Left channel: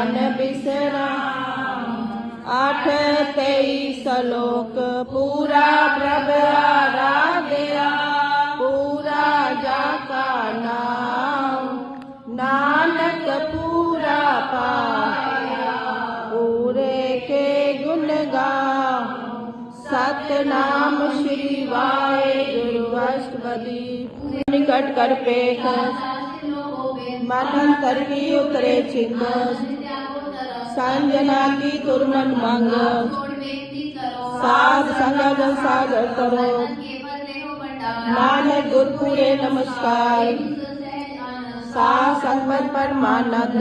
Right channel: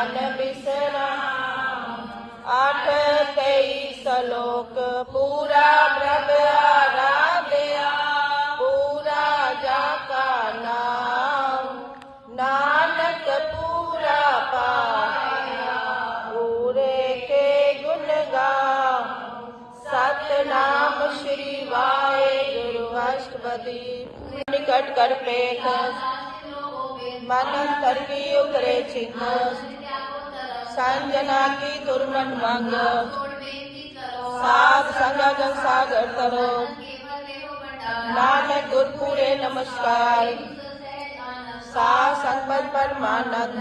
मन विश्राम। 8-23 श्लोक पूरा प्रगटा गया, पूरा जाका नाम, नानक पूरा पाया, पूरे के गुण गाम। सतनाम शिवाय बृहस्पति निकट कर पेट, मगन करके उतरे चित्त, संजना की तुरमन मंग, साध संग सागर करो, नानक गुरुपुरे नमस्कार, सा संगत परमानंद।